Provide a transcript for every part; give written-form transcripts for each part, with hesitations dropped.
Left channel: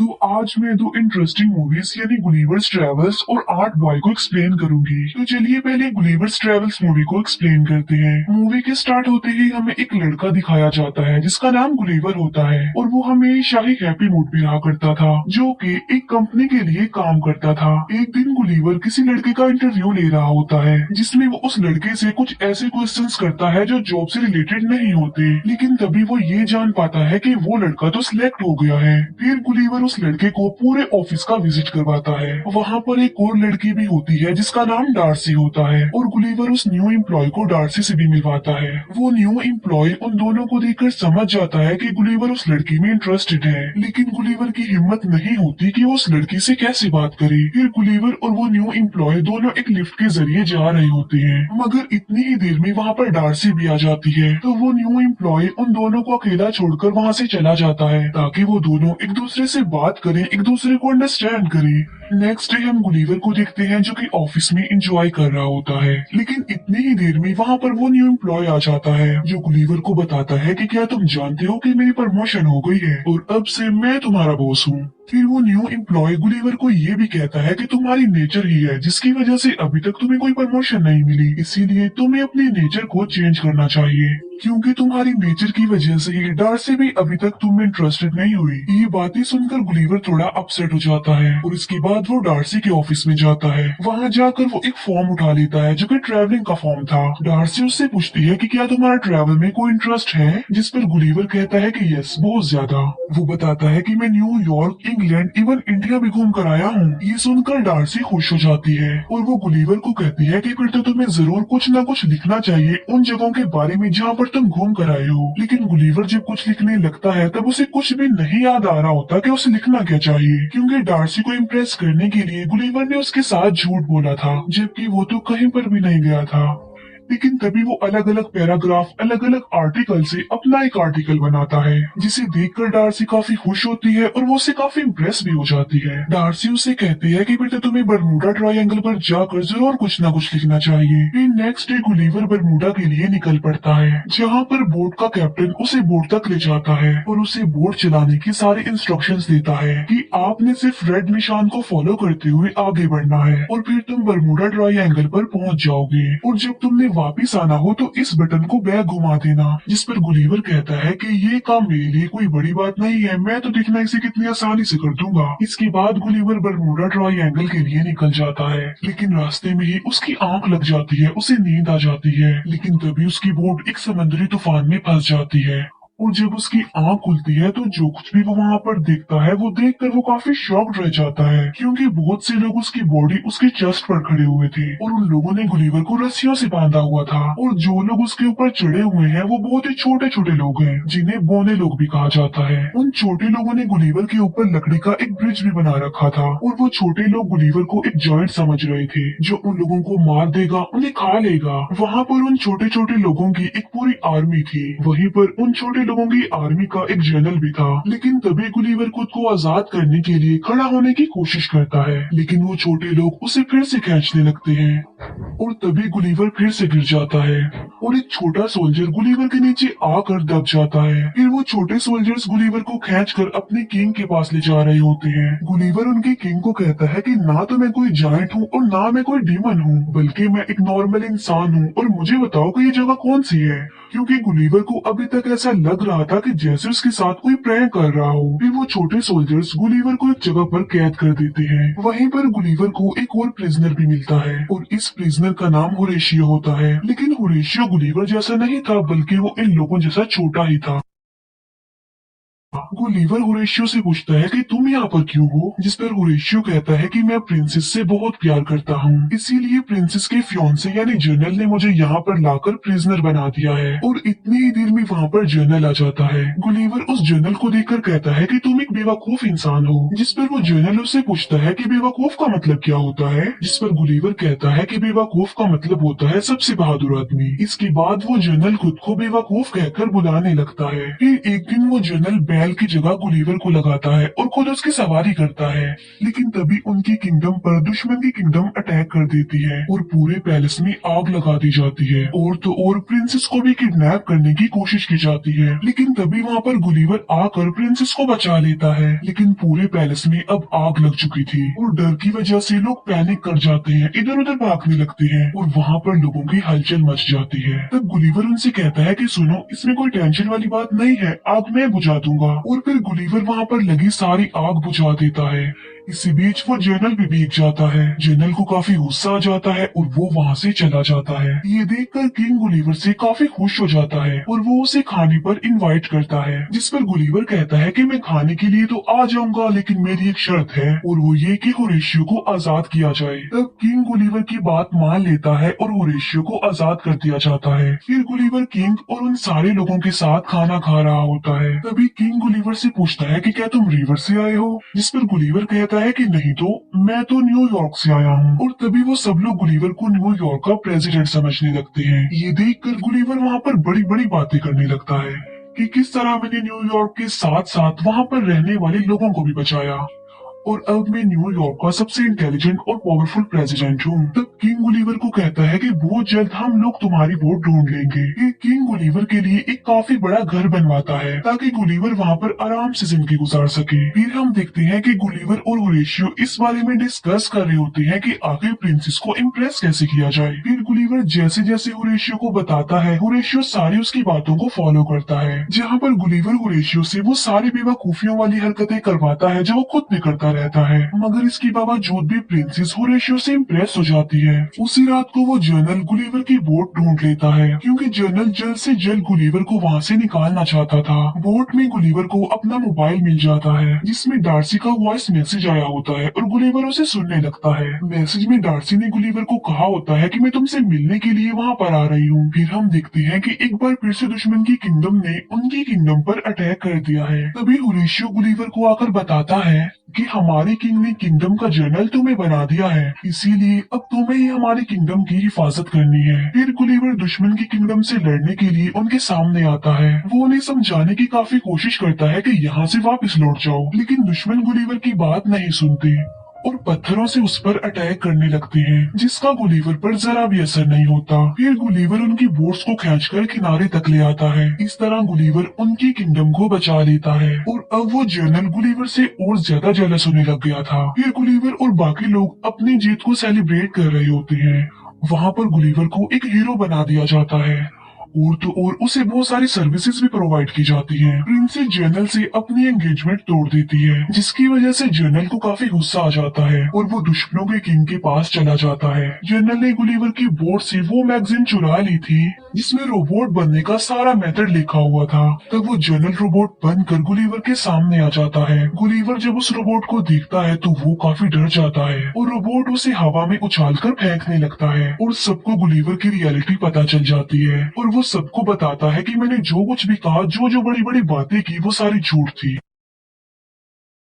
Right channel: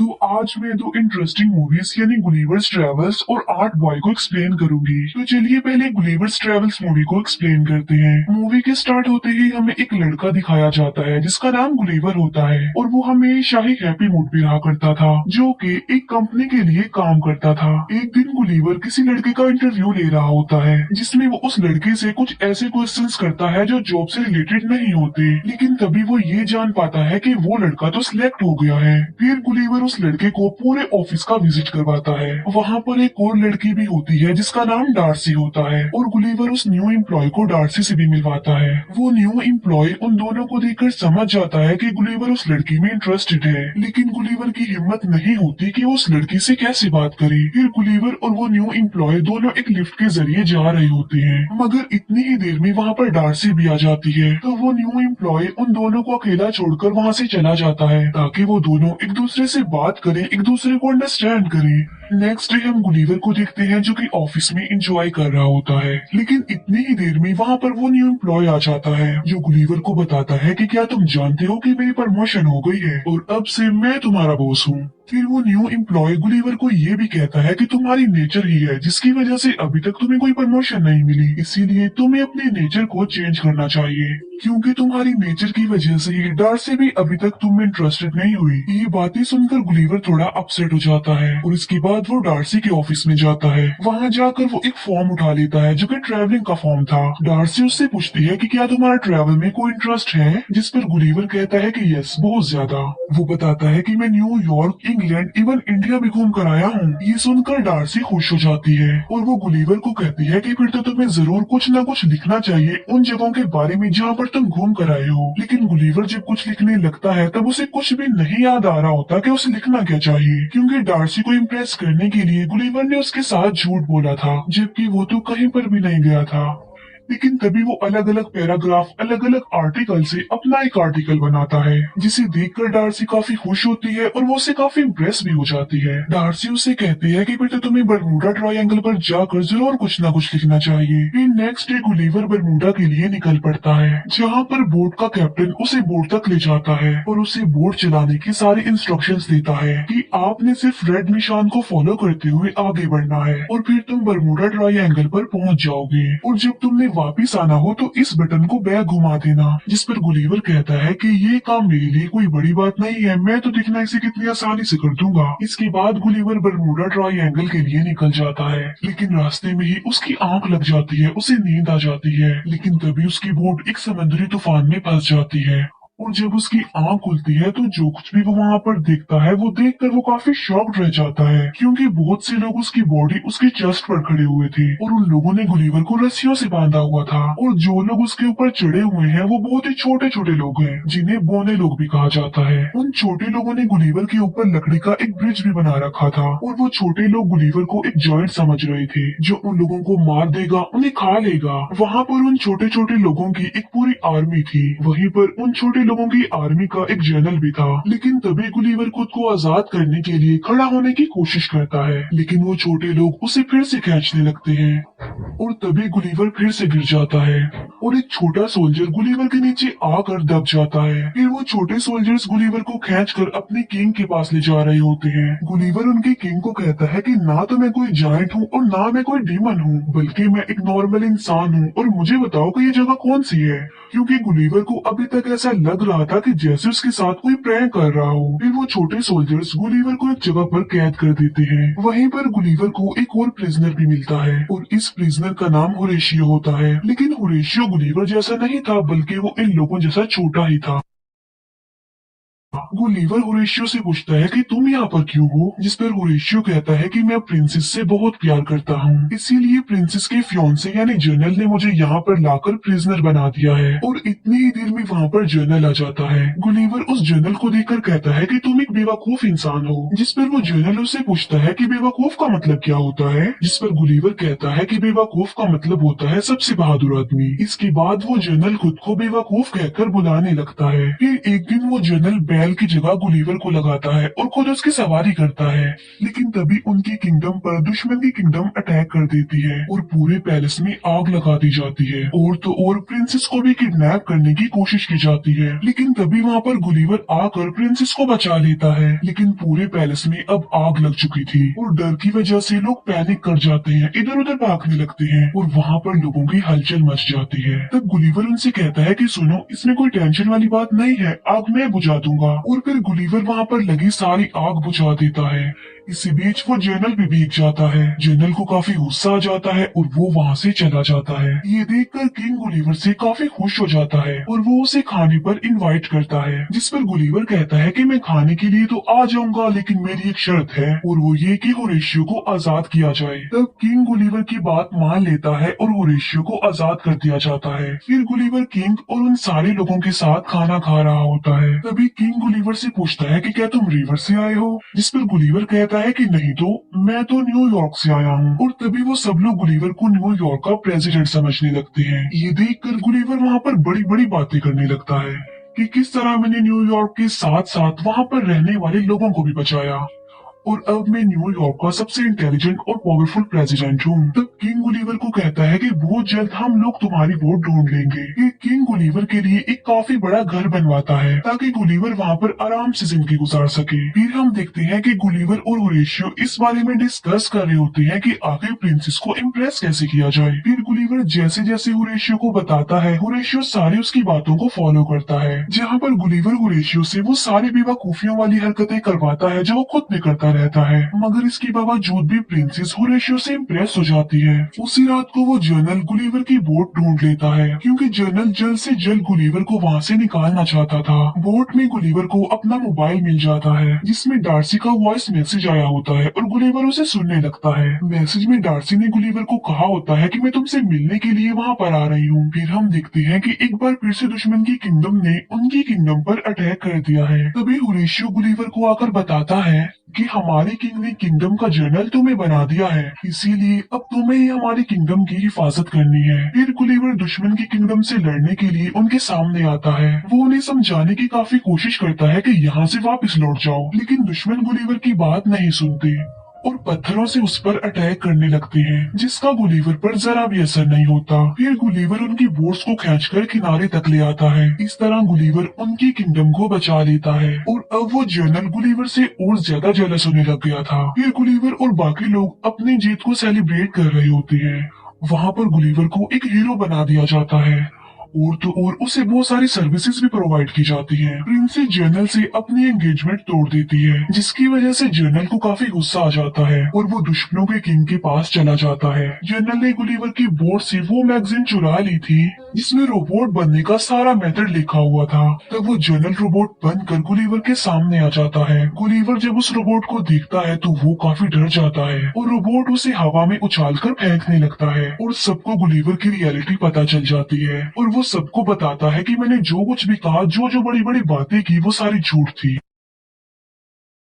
तो आज मैं दो इंटरेस्टिंग मूवीज यानी गुलिवर्स ट्रेवल्स और आर्ट बॉय को एक्सप्लेन करूंगी। तो चलिए पहले गुलिवर्स ट्रेवल्स मूवी को एक्सप्लेन करते हैं। मूवी के स्टार्ट होते ही हमें एक लड़का दिखाया जाता है जिसका नाम गुलिवर होता है और वो हमेशा ही हैप्पी मूड में रहा करता था, जो कि एक कंपनी के लिए काम करता था। एक दिन गुलिवर किसी लड़के का इंटरव्यू ले रहा होता है जिसमें वो उस लड़के से कुछ ऐसे क्वेश्चंस करता है जो जॉब से रिलेटेड नहीं होते, लेकिन तभी वो ये जान पाता है कि वो लड़का तो सिलेक्ट हो गया है। फिर गुलिवर उस लड़के को पूरे ऑफिस का विजिट करवाता है। वहाँ पर एक और लड़की भी होती है जिसका नाम डार्सी होता है और गुलिवर उस न्यू एम्प्लॉय को डार्सी से भी मिलवाता है। वो न्यू एम्प्लॉय उन दोनों को देखकर समझ जाता है कि गुलिवर उस लड़की में इंटरेस्टेड है, लेकिन गुलिवर की हिम्मत नहीं होती कि वो उस लड़की से कैसे बात करे। फिर गुलिवर और वो न्यू एम्प्लॉय दोनों एक लिफ्ट के जरिए जा रहे होते हैं, मगर इतनी ही देर में वहाँ पर डार्सी भी आ जाती है। तो वो न्यू एम्प्लॉय उन दोनों को अकेला छोड़कर वहाँ से चला जाता है ताकि वो दोनों एक दूसरे से बात करें, एक दूसरे को अंडरस्टैंड करें। नेक्स्ट डे हम गुलिवर को देखते हैं जो कि ऑफिस में एंजॉय कर रहा होता है, लेकिन इतनी ही देर में वहाँ पर वो न्यू एम्प्लॉय आ जाता है जो गुलिवर को बताता है कि क्या तुम जानते हो कि मेरी प्रमोशन हो गई है और अब से मैं तुम्हारा बॉस हूँ। फिर वो न्यू एम्प्लॉय गुलिवर को ये भी कहता है कि तुम्हारी नेचर ही है जिसकी वजह से अभी तक तुम्हें कोई प्रमोशन नहीं मिली, इसीलिए तुम्हें अपने नेचर को चेंज करना चाहिए, क्योंकि तुम्हारी नेचर की वजह से ही डार्सी भी अभी तक तुम में इंटरेस्टेड नहीं हुई। ये बातें सुनकर गुलिवर थोड़ा अपसेट हो जाता है और इसके बाद वो डार्सी के ऑफिस में जाता है। वहाँ जाकर वो एक फॉर्म उठा लेता है जो कि ट्रैवलिंग का फॉर्म था। डार्सी उससे पूछती है कि क्या तुम्हारा ट्रैवल में कोई इंटरेस्ट है, जिस पर गुलिवर कहता है कि यस, बहुत ज्यादा। वो बताता है कि मैं न्यूयॉर्क, इंग्लैंड, इवन इंडिया भी घूम कर आया हूँ। ये सुनकर डार्सी खुश हो जाती है और वो गुलिवर को कहती है कि फिर तो तुम्हें जरूर कुछ न कुछ लिखना चाहिए उन जगहों के बारे में जहाँ पर तुम घूम कर आए हो। लेकिन गुलिवर जब कुछ लिखने लगता है तब उसे कुछ भी नहीं याद आ रहा होता कि उसे लिखना क्या चाहिए, क्योंकि डार्सी को इम्प्रेस करने के लिए गुलिवर ने उसके साथ झूठ बोला था, जबकि वो तो कहीं पर भी नहीं गया था। लेकिन तभी वो अलग अलग पैराग्राफ, अलग अलग आर्टिकल से अपना एक आर्टिकल बनाता है, जिसे देखकर डार्सी काफी खुश होती है और वो उससे काफी इम्प्रेस भी हो जाती है। डार्सी उससे कहती है कि फिर तो तुम्हें बरमूडा ट्रायंगल पर जाकर जरूर कुछ ना कुछ लिखना चाहिए। फिर नेक्स्ट डे गुलिवर बरमूडा के लिए निकल पड़ता है, जहाँ पर बोट का कैप्टन उसे बोट तक ले जाता है और उसे बोट चलाने की सारी इंस्ट्रक्शंस देता है कि आपने सिर्फ रेड निशान को फॉलो करते हुए आगे बढ़ना है और फिर तुम बरमूडा ट्रायंगल पर पहुंच जाओगे, और जब तुमने वापिस आना हो तो इस बटन को बैक घुमा देना। जिस पर गुलिवर कहता है कि ये काम मेरे लिए कोई बड़ी बात नहीं है, मैं तो दिखना इसे कितनी आसानी से कर दूंगा। इसके बाद गुलिवर बरमूडा ट्रायंगल के लिए निकल जाता है, लेकिन रास्ते में ही उसकी आंख लग जाती है, उसे नींद आ जाती है। लेकिन तभी उसकी बोट एक समुद्री तूफान में फंस जाती है और जब उसकी आंख खुलती है तो जो कुछ भी वो वहाँ पर देखता है वो देखकर वो काफी शॉक्ड रह जाता है, क्योंकि बहुत से लोग उसकी बॉडी उसके चेस्ट पर खड़े हुए थे और उन लोगों ने गुलिवर को रस्सियों से बांधा हुआ था, और जो लोग उसके ऊपर चढ़े हुए हैं वो बहुत ही छोटे छोटे लोग हैं जिन्हें बौने लोग भी कहा जाता है। उन छोटे लोगों ने गुलिवर के ऊपर लकड़ी का एक ब्रिज भी बना रखा था और वो छोटे लोग गुलिवर को एक जॉइंट समझ रहे थे जो उन लोगों को मार देगा, उन्हें खा लेगा। वहाँ पर उन छोटे छोटे लोगों की एक पूरी आर्मी थी, वहीं पर उन छोटे लोगों की आर्मी का एक जनरल भी था। लेकिन तभी गुलिवर खुद को आजाद करने के लिए खड़ा होने की कोशिश करता है, लेकिन वो छोटे लोग उसे फिर से खींचने लगते हैं और तभी गुलिवर फिर से गिर जाता है और एक छोटा सोल्जर गुलिवर के नीचे आकर दब जाता है। फिर वो छोटे सोल्जर्स गुलिवर को खींचकर अपने किंग के पास ले जा रहे होते हैं। गुलिवर उनके किंग को कहता है कि ना तो मैं कोई जायंट हूँ और ना मैं कोई डीमन हूँ, बल्कि मैं एक नॉर्मल इंसान हूँ, और मुझे बताओ कि ये जगह कौन सी है, क्योंकि गुलिवर को अभी तक ऐसा लग रहा था कि जैसे उसके साथ कोई प्रैंक कर रहा हो। फिर वो छोटे सोल्जर्स गुलिवर को एक जगह पर कैद कर देते हैं। वहीं पर गुलिवर को एक और प्रिजनर भी मिलता है और इस प्रिजनर का नाम होरेशियो होता है, लेकिन होरेशियो गुलिवर जैसा नहीं था, बल्कि वो इन लोगों जैसा छोटा ही था। गुलिवर होरेशियो से पूछता है कि तुम यहाँ पर क्यों हो, जिस पर होरेशियो कहता है कि मैं प्रिंसेस से बहुत प्यार करता हूँ, इसीलिए प्रिंसेस के फियांसे यानी जनरल ने मुझे यहाँ पर लाकर प्रिजनर बना दिया है। और इतनी ही देर में वहाँ पर जनरल आ जाता है। गुलिवर उस जनरल को देखकर कहता है कि तुम एक बेवकूफ इंसान हो, जिस पर वो जनरल उससे पूछता है कि बेवकूफ का मतलब क्या होता है, जिस पर गुलिवर कहता है कि बेवकूफ का मतलब होता है सबसे बहादुर आदमी। इसके बाद वो जनरल खुद को बेवकूफ कहकर बुलाने लगता है। फिर एक दिन वो जनरल बैल की जगह गुलिवर को लगाता है और खुद उसकी सवारी करता है। लेकिन तभी उनकी किंगडम पर दुश्मन की किंगडम अटैक कर देती है और पूरे पैलेस में आग लगा दी जाती है। और तो और प्रिंसेस को भी किडनैप करने की कोशिश की जाती है, लेकिन तभी वहाँ पर गुलिवर आकर प्रिंसेस को बचा लेता है। लेकिन पूरे पैलेस में अब आग लग चुकी थी और डर की वजह से लोग पैनिक कर जाते हैं, इधर उधर भागने लगते हैं और वहाँ पर लोगों की हलचल मच जाती है। तब गुलिवर उनसे कहता है कि सुनो, इसमें कोई टेंशन वाली बात नहीं है, आग मैं बुझा दूंगा। और फिर गुलिवर वहाँ पर लगी सारी आग बुझा देता है। इसी बीच वो जनरल भी भीग जाता है। जनरल को काफी गुस्सा आ जाता है और वो वहाँ से चला जाता है। ये देखकर किंग गुलिवर से काफी खुश हो जाता है और वो उसे खाने पर इनवाइट करता है, जिस पर गुलिवर कहता है कि मैं खाने के लिए तो आ जाऊंगा, लेकिन मेरी एक शर्त है और वो ये कि होरेशियो को आजाद किया जाए। तब किंग गुलिवर की बात मान लेता है और होरेशियो को आजाद कर दिया जाता है। फिर गुलिवर किंग और उन सारे लोगों के साथ खाना खा रहा होता है। तभी किंग गुलिवर से पूछता है कि क्या तुम रिवर से आए हो, जिस पर गुलिवर कहता है कि नहीं तो मैं तो न्यूयॉर्क से आया हूँ। और तभी वो सब लोग गुलिवर को न्यूयॉर्क का प्रेसिडेंट समझने लगते हैं। ये देखकर गुलिवर वहाँ पर बड़ी बड़ी बातें करने लगता है कि किस तरह मैंने न्यूयॉर्क के साथ साथ वहाँ पर रहने वाले लोगों को भी बचाया और अब मैं न्यूयॉर्क का सबसे इंटेलिजेंट और पावरफुल प्रेसिडेंट हूँ। तब किंग गुलिवर को कहता है कि बहुत जल्द हम लोग तुम्हारी वोट ढूंढ लेंगे। ये किंग गुलिवर के लिए एक काफी बड़ा घर बनवाता है ताकि गुलिवर वहाँ पर आराम से जिंदगी गुजार सके। फिर हम देखते हैं कि गुलिवर और होरेशियो इस बारे में डिस्कस कर रहे होते हैं कि आगे प्रिंसेस को इम्प्रेस कैसे किया जाए। फिर गुलिवर जैसे जैसे होरेशियो को बताता है, होरेशियो सारी उसकी बातों को फॉलो करता है, जहाँ पर गुलिवर होरेशियो से वो सारी बेवकूफियों वाली हरकतें करवाता है जो वो खुद भी करता रहता है। मगर इसके बावजूद भी प्रिंसेस होरेशियो से इम्प्रेस हो जाती है। उसी रात को वो जनरल गुलिवर की बोट ढूंढ लेता है, क्योंकि जनरल जल्द से जल्द गुलिवर को वहाँ से निकालना चाहता था। बोट में गुलिवर को अपना मोबाइल मिल जाता है, जिसमें डार्सी का वॉइस मैसेज आया होता है और गुलिवर उसे सुनने लगता है। मैसेज में डार्सी ने गुलिवर को कहा होता है कि मैं तुमसे मिलने के लिए वहाँ पर आ रही हूँ। फिर हम देखते हैं कि एक बार फिर से दुश्मन की किंगडम ने उनकी किंगडम पर अटैक कर दिया है। तभी होरेशियो गुलिवर को आकर बताता है कि हमारे किंग ने किंगडम का जनरल तुम्हें बना दिया है, इसीलिए अब तुम्हें ही हमारी किंगडम की हिफाजत करनी है। फिर गुलिवर दुश्मन की किंगडम से लड़ने के लिए उनके सामने आता है। वो उन्हें समझाने की काफी कोशिश करता है कि यहाँ से वापस लौट जाओ, लेकिन दुश्मन गुलिवर की बात नहीं सुनते और पत्थरों से उस पर अटैक करने लगते हैं, जिसका गुलिवर पर जरा भी असर नहीं होता। फिर गुलिवर उनकी बोट्स को खींचकर किनारे तक ले आता है। इस तरह गुलिवर उनकी किंगडम को बचा लेता है और अब वो जनरल गुलिवर से और ज्यादा जेलस होने लग गया था। फिर गुलिवर और बाकी लोग अपनी जीत को सेलिब्रेट कर रहे होते हैं। वहाँ पर गुलिवर को एक हीरो बना दिया जाता है और तो और उसे बहुत सारी सर्विसेज भी प्रोवाइड की जाती है। प्रिंसेस जनरल से अपनी एंगेजमेंट तोड़ देती है, जिसकी वजह से जनरल को काफी गुस्सा आ जाता है और वो दुश्मनों के किंग के पास चला जाता है। जनरल ने गुलिवर की बोर्ड से वो मैगजीन चुरा ली थी जिसमें रोबोट बनने का सारा मेथड लिखा हुआ था। तब वो जनरल रोबोट बनकर गुलिवर के सामने आ जाता है। गुलिवर जब उस रोबोट को देखता है तो वो काफी डर जाता है और रोबोट उसे हवा में उछालकर फेंकने लगता है और सबको गुलिवर की रियलिटी पता चल जाती है और वो सबको बताता है कि मैंने जो कुछ भी कहा, जो जो बड़ी बड़ी बातें की, वो सारी झूठ थी।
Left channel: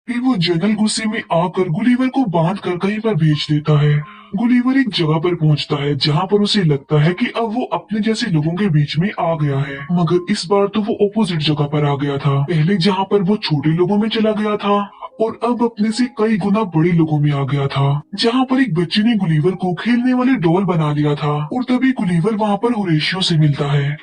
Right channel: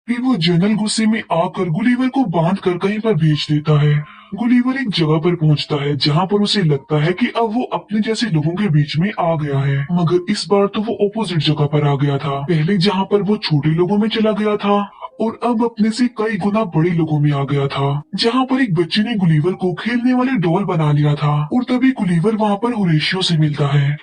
फिर वो जनरल गुस्से में आकर गुलिवर को बांध कर कहीं पर भेज देता है। गुलिवर एक जगह पर पहुंचता है जहां पर उसे लगता है कि अब वो अपने जैसे लोगों के बीच में आ गया है, मगर इस बार तो वो ऑपोजिट जगह पर आ गया था। पहले जहां पर वो छोटे लोगों में चला गया था और अब अपने से कई गुना बड़े लोगों में आ गया था, जहाँ पर एक बच्चे ने गुलिवर को खेलने वाले डॉल बना लिया था। और तभी गुलिवर वहाँ पर होरेशियो से मिलता है।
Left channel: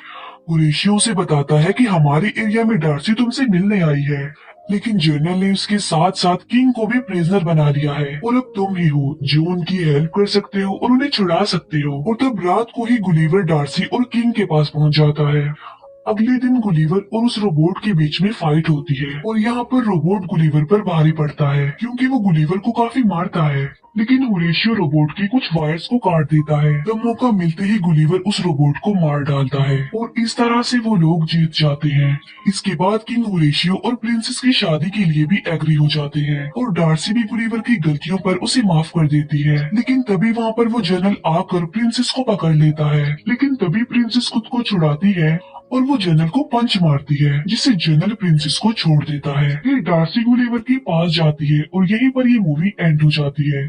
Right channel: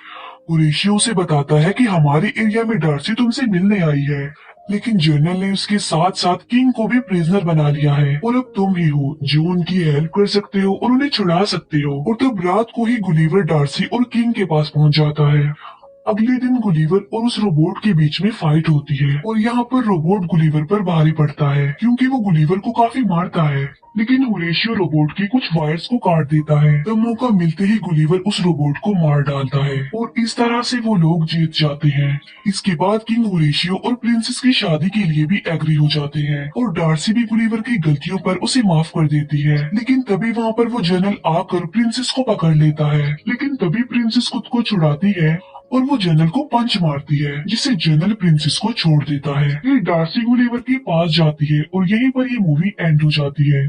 होरेशियो उसे बताता है कि हमारे एरिया में डार्सी तुमसे मिलने आई है, लेकिन जनरल ने उसके साथ साथ किंग को भी प्रिजनर बना लिया है और अब तुम ही हो जो उनकी हेल्प कर सकते हो और उन्हें छुड़ा सकते हो। और तब रात को ही गुलिवर डार्सी और किंग के पास पहुंच जाता है। अगले दिन गुलिवर और उस रोबोट के बीच में फाइट होती है और यहाँ पर रोबोट गुलिवर पर भारी पड़ता है, क्योंकि वो गुलिवर को काफी मारता है। लेकिन होरेशियो रोबोट की कुछ वायर्स को काट देता है। तब मौका मिलते ही गुलिवर उस रोबोट को मार डालता है और इस तरह से वो लोग जीत जाते हैं। इसके बाद किंग होरेशियो और प्रिंसेस की शादी के लिए भी एग्री हो जाते हैं और डार्सी भी गुलिवर की गलतियों पर उसे माफ कर देती है। लेकिन तभी वहाँ पर वो जनरल आकर प्रिंसेस को पकड़ लेता है, लेकिन तभी प्रिंसेस खुद को छुड़ाती है और वो जनरल को पंच मारती है, जिससे जनरल प्रिंसेस को छोड़ देता है। फिर डार्सी गुलिवर के पास जाती है और यहीं पर ये मूवी एंड हो जाती है।